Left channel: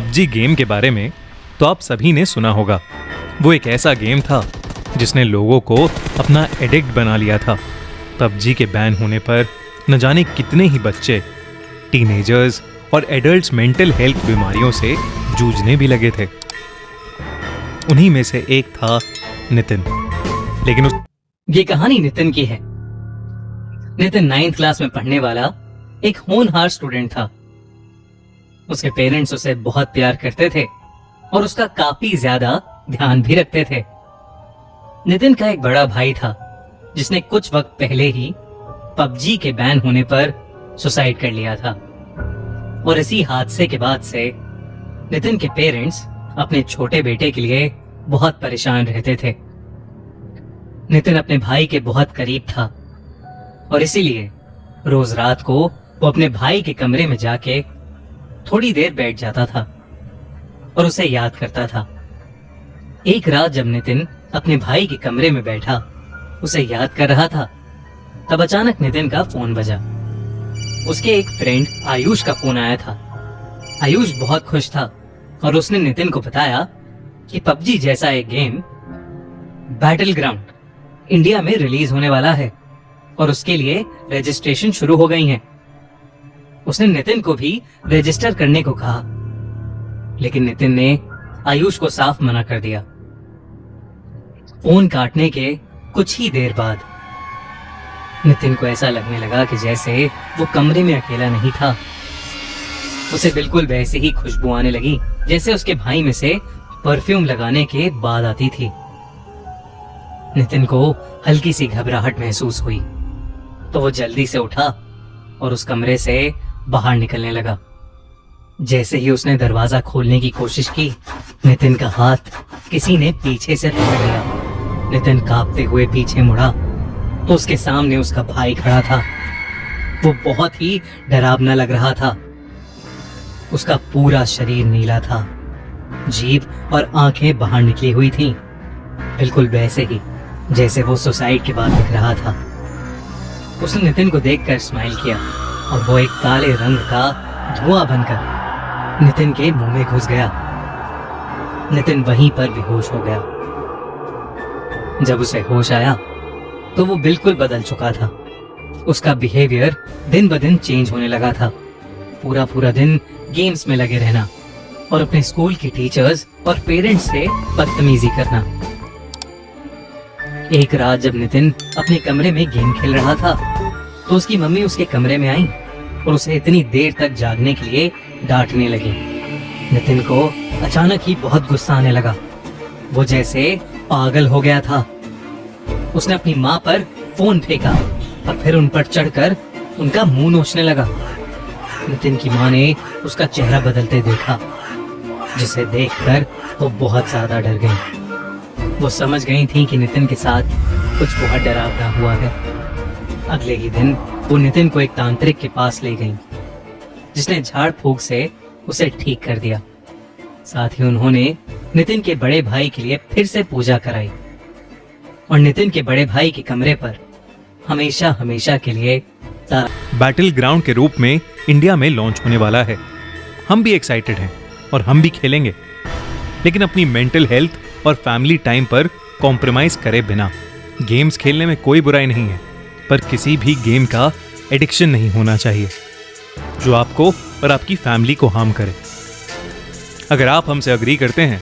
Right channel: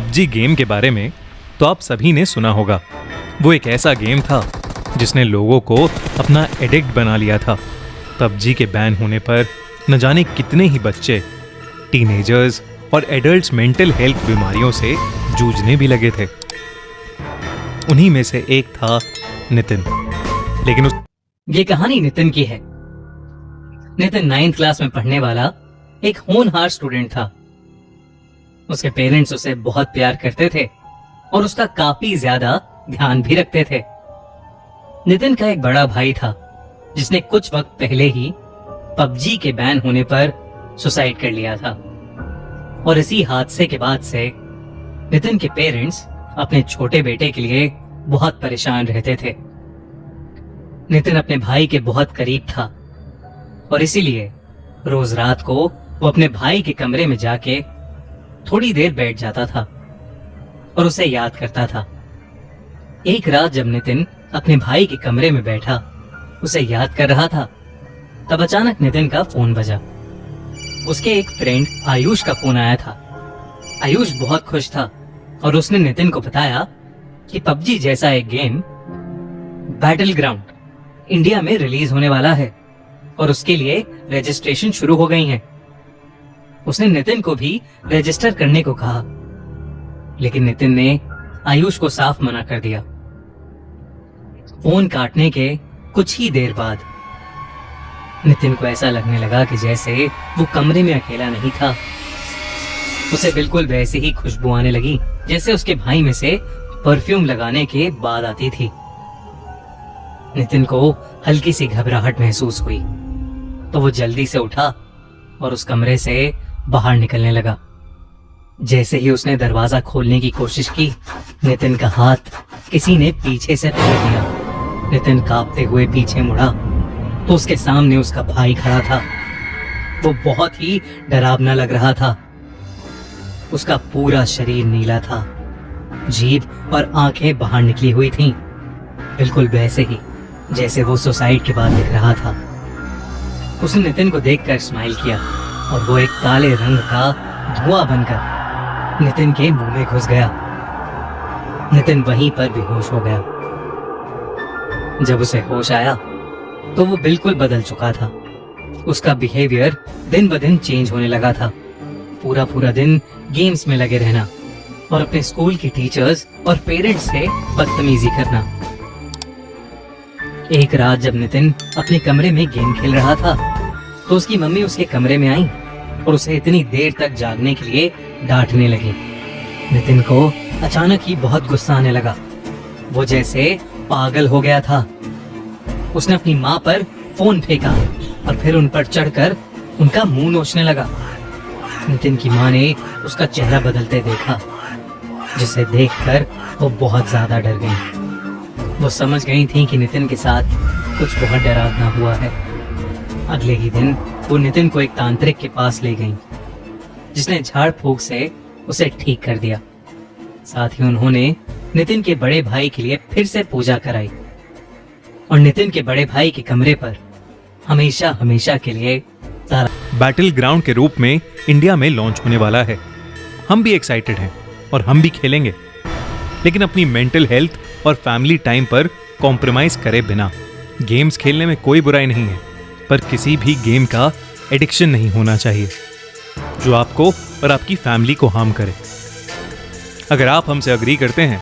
PUBG game के बारे में तो आप सभी ने सुना होगा। वो एक ऐसा गेम था जिसने लोगों को अपना एडिक्ट बना लिया था। पबजी के बैन होने पर न जाने कितने ही बच्चे, टीनेजर्स और एडल्ट्स मेंटल हेल्थ बीमारियों से जूझने भी लगे थे। उन्हीं में से एक था नितिन। लेकिन ये कहानी नितिन की है। नितिन 9th क्लास में पढ़ने वाला एक होनहार स्टूडेंट था। उसके पेरेंट्स उसे बहुत प्यार करते थे और उसका काफी ज्यादा ध्यान भी रखते थे। नितिन का एक बड़ा भाई था जिसने कुछ वक्त पहले ही पबजी के बैन होने पर सुसाइड कर लिया था। और इसी हादसे के बाद से नितिन के पेरेंट्स अपने छोटे बेटे के लिए बहुत परेशान रहते थे। नितिन अपने भाई के बहुत करीब था और इसीलिए रोज रात को वो अपने भाई के कमरे में जाके थोड़ी देर बैठ जाता था और उसे याद करता था। एक रात जब नितिन अपने भाई के कमरे में बैठा उसे याद कर रहा था, तब अचानक नितिन का फोन बजा। उसके एक फ्रेंड आयुष का फोन आया था। आयुष बहुत खुश था और उसने नितिन को बताया कि पबजी जैसा एक गेम बैटल ग्राउंड इंडिया में रिलीज होने वाला है और उसके लिए रजिस्ट्रेशन शुरू हो गई है। उसने नितिन को भी रजिस्टर करने को कहा, लेकिन नितिन ने आयुष को साफ मना कर दिया। फोन काटने के कुछ ही देर बाद नितिन को ऐसा लगने लगा कि जैसे वो कमरे में अकेला नहीं था। उसे बिल्कुल वैसी ही खुशबू आने लगी जैसे उसके भाई में से परफ्यूम लगाने के बाद आती थी। नितिन को हल्की सी घबराहट महसूस हुई तो वो जल्दी से उठा और उस कमरे से बाहर निकलने लगा। जैसे ही उसने दरवाजा खोलने की कोशिश की, नितिन का हाथ किसी ने पीछे से पकड़ लिया। नितिन कांपते हुए पीछे मुड़ा तो उसके सामने उसका भाई खड़ा था। वो बहुत ही डरावना लग रहा था। उसका पूरा शरीर नीला था, जीभ और आंखें बाहर निकली हुई थीं, बिल्कुल वैसे ही जैसे वो सुसाइड के बाद दिख रहा था। उसने नितिन को देखकर स्माइल किया और वो एक काले रंग का धुआं बनकर नितिन के मुंह में घुस गया। नितिन वहीं पर बेहोश हो गया। जब उसे होश आया तो वो बिल्कुल बदल चुका था। उसका बिहेवियर दिन ब दिन चेंज होने लगा था। पूरा दिन गेम्स में लगे रहना और अपने स्कूल की टीचर्स और पेरेंट्स से बदतमीजी करना। एक रात जब नितिन अपने कमरे में गेम खेल रहा था तो उसकी मम्मी उसके कमरे में आई और उसे इतनी देर तक जागने के लिए डांटने लगी। नितिन को अचानक ही बहुत गुस्सा आने लगा। वो जैसे पागल हो गया था। उसने अपनी माँ पर फोन फेंका और फिर उन पर चढ़कर उनका मुंह नोचने लगा। नितिन की माँ ने उसका चेहरा बदलते देखा, जिसे देखकर वो बहुत ज्यादा डर गई। वो समझ गई थी कि नितिन के साथ कुछ बहुत डरावना हुआ है। अगले ही दिन वो नितिन को एक तांत्रिक के पास ले गई, जिसने झाड़ फूंक से उसे ठीक कर दिया। साथ ही उन्होंने नितिन के बड़े भाई के लिए फिर से पूजा कराई और नितिन के बड़े भाई के कमरे पर हमेशा के लिए बैटल ग्राउंड के रूप में इंडिया में लॉन्च होने वाला है। हम भी एक्साइटेड हैं और हम भी खेलेंगे, लेकिन अपनी मेंटल हेल्थ और फैमिली टाइम पर कॉम्प्रोमाइज करे बिना। गेम्स खेलने में कोई बुराई नहीं है, पर किसी भी गेम का एडिक्शन नहीं होना चाहिए जो आपको और आपकी फैमिली को हार्म करे। अगर आप हमसे अग्री करते हैं